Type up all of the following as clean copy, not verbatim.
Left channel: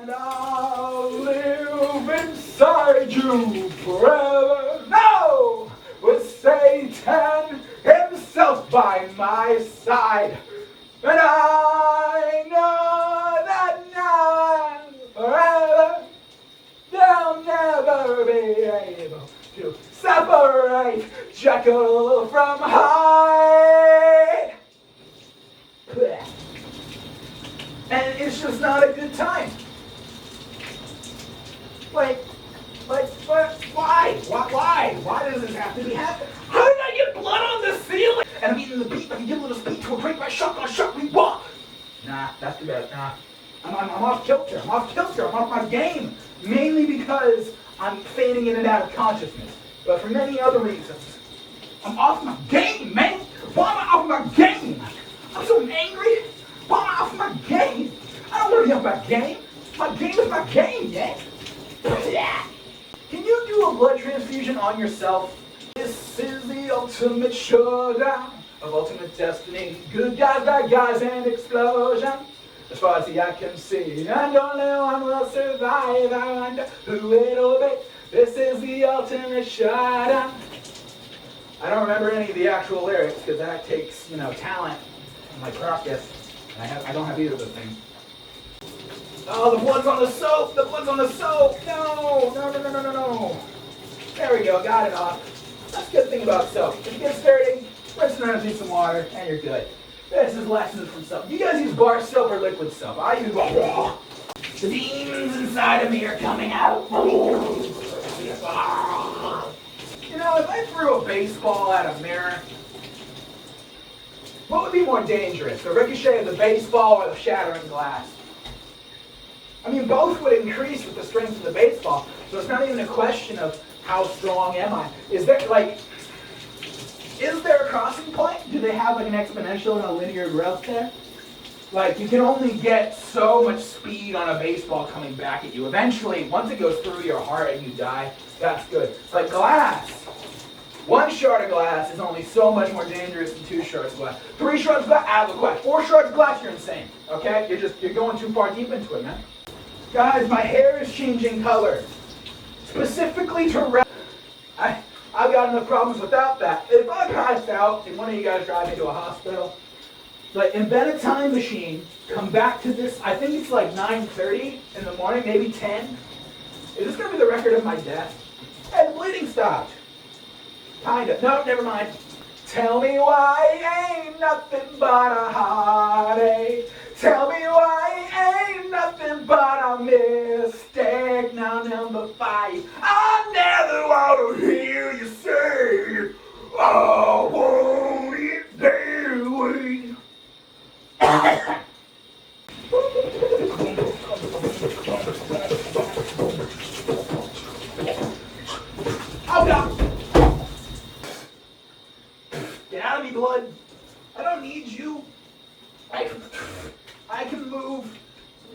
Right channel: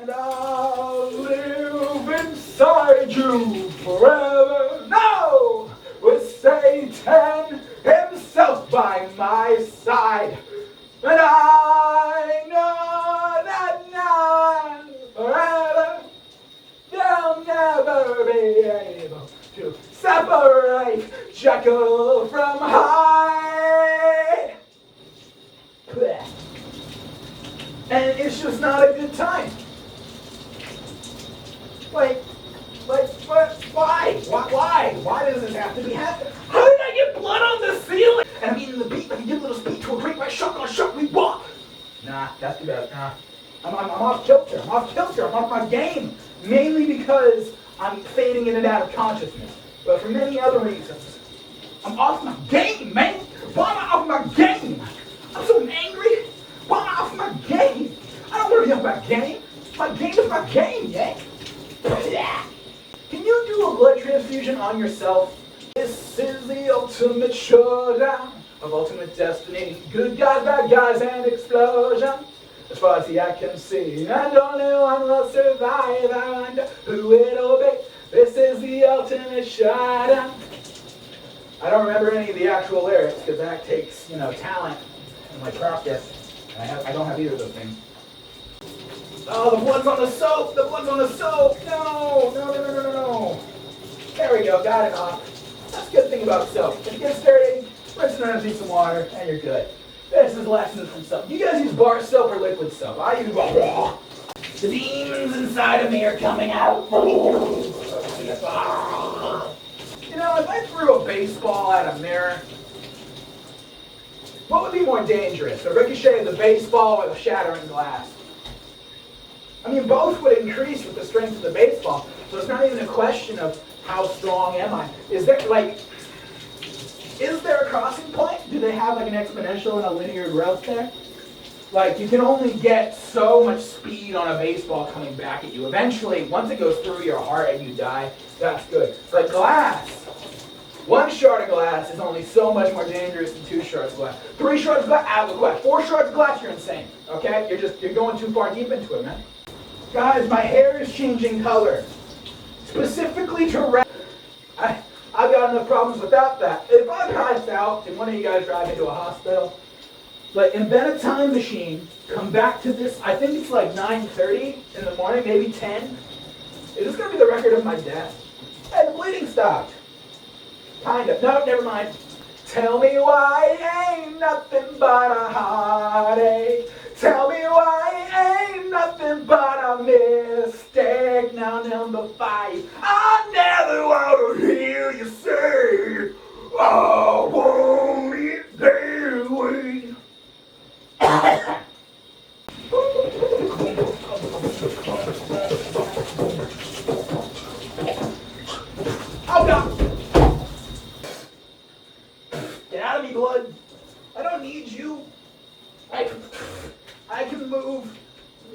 And I'll live inside you forever. No! With Satan himself by my side. And I know that now forever they'll never be able to separate Jekyll from Hyde. And it's just not a good time. Like, what? Why? Why does this have to be happening? How did I get blood on the ceiling? And I'm eating the beat like a good little speed to a great white shark on a shark we walk. Nah, that's too bad. Nah. I'm off kilter. I'm off my game. Mainly because I'm fading in and out of consciousness. But for many other reasons. I'm off my game, man. Why am I off my game? I'm so angry. Why am I off my game? I don't want to be off my game. My game is my game, yeah? Can you do a blood transfusion on yourself? This is the ultimate showdown of ultimate destiny. Good guys, bad guys, and explosion. As far as the eye can see, and only one will survive. I wonder who it'll be. This is the ultimate showdown. I don't remember any of the actual lyrics because that takes, talent and my practice. I don't have either of those things. Oh, the blood's on the soap! The blood's on the soap! No! There we go, got it off. That's a good thing about soap. If you get dirty, rinse it underneath some water, and you're good. This is lessons from soap. Do you guys use bar soap or liquid soap? I use raw. The demons inside of me are coming out. If I threw a baseball at a mirror, what would be more dangerous? The ricochet of the baseball or the shattering glass? I mean, both would increase with the strength of the baseball, so it's not even a question of how strong am I. Is there a crossing point? Do they have an exponential and a linear growth there? You can only get so much speed on a baseball coming back at you. Eventually, once it goes through your heart and you die, that's good. But glass, one shard of glass is only so much more dangerous than 2 shards of glass. 3 shards of glass, out of the glass. 4 shards of glass, you're insane. Okay? You're going too far deep into it, man. Guys, my hair is changing color. Specifically to red. I've got enough problems without that. If I pass out and one of you guys drive me to a hospital, invent a time machine, come back to this, I think it's 9:30 in the morning, maybe 10. Is this going to be the record of my death? Hey, the bleeding stopped. Kinda. No, never mind. Tell me why ain't nothing but a heartache. Tell me why ain't nothing but a mistake. Now number 5, I never want to hear you say, oh, won't it that way? Oh, God. Get out of me, blood. I don't need you. I can move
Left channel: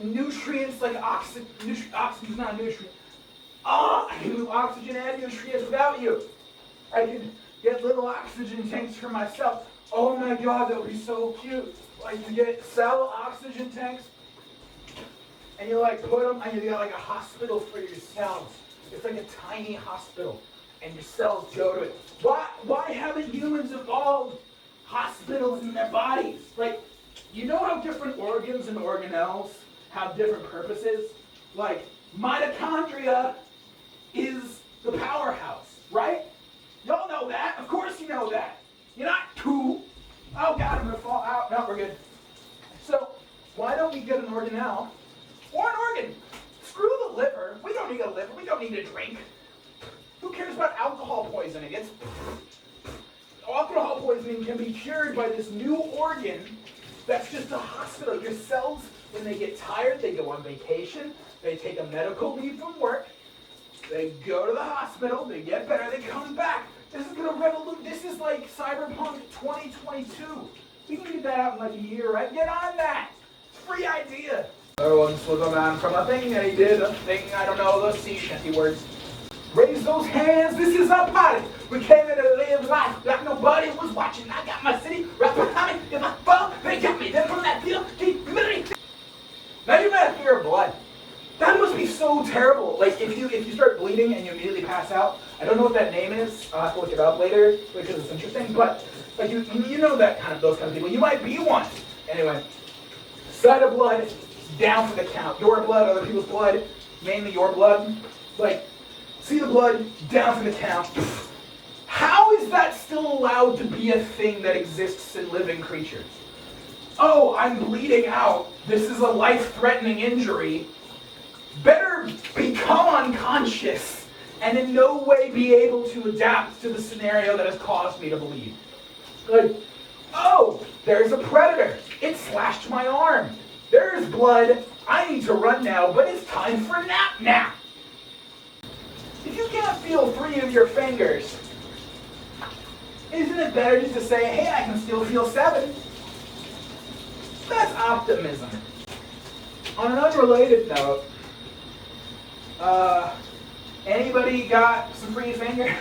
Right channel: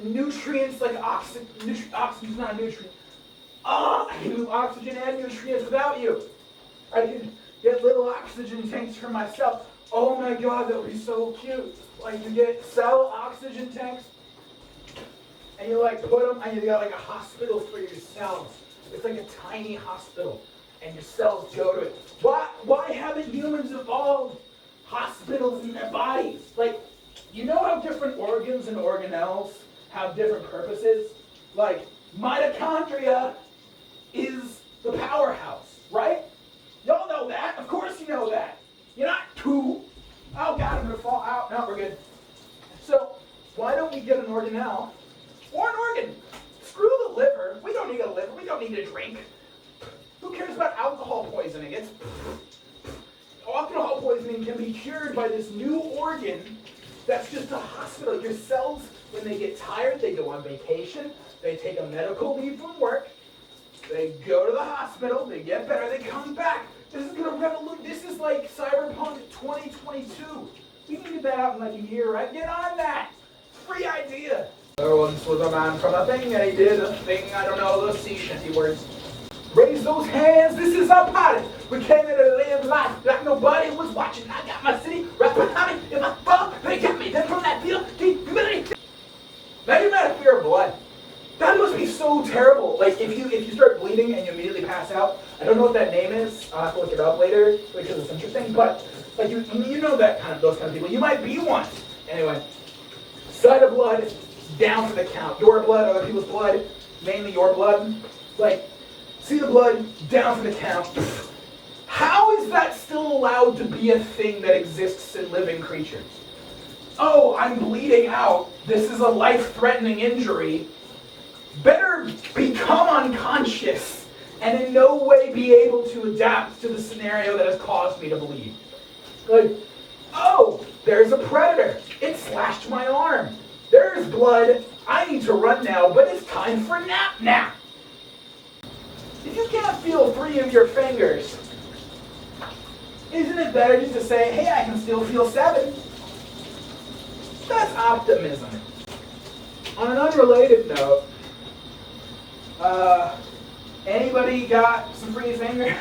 nutrients like oxygen. Oxygen's not a nutrient. I can move oxygen and nutrients without you. I can get little oxygen tanks for myself. Oh my God, that would be so cute. You get cell oxygen tanks, and you put them, and you got a hospital for your cells. It's like a tiny hospital, and your cells go to it. Why haven't humans evolved hospitals in their bodies? You know how different organs and organelles have different purposes? Mitochondria is the powerhouse, right? Y'all know that. Of course you know that. You're not two. Oh God, I'm gonna fall out. No, we're good. So, why don't we get an organelle or an organ? Screw the liver. We don't need a liver. We don't need a drink. Who cares about alcohol poisoning? Alcohol poisoning can be cured by this new organ that's just a hospital. Your cells, when they get tired, they go on vacation. They take a medical leave from work. They go to the hospital. They get better. They come back. This is going to revolutionize. This is like Cyberpunk 2022. We can get that out in a year, right? Get on that. It's a free idea. There once was a man from a thing, and he did a thing. I don't know the sea shanty words. Raise those hands, this is our party. We came here to live life like nobody was watching. I got my city right behind me. If I fall, they got me. Then from that field, deep humility. Now you got fear of blood. would be so terrible. Like if you start bleeding and you immediately pass out. I don't know what that name is. I'll have to look it up later because it's interesting. But like you know that those kind of people. You might be one. Anyway, sight of blood, down for the count. Your blood, other people's blood, mainly your blood. Like, see the blood, down for the count. How is that still allowed to be a thing that exists in living creatures? Oh, I'm bleeding out. This is a life-threatening injury. Better become unconscious and in no way be able to adapt to the scenario that has caused me to bleed. Like, oh, there's a predator. It slashed my arm. There's blood. I need to run now, but it's time for nap. If you can't feel 3 of your fingers, isn't it better just to say, hey, I can still feel 7? That's optimism. On an unrelated note, anybody got some free fingers?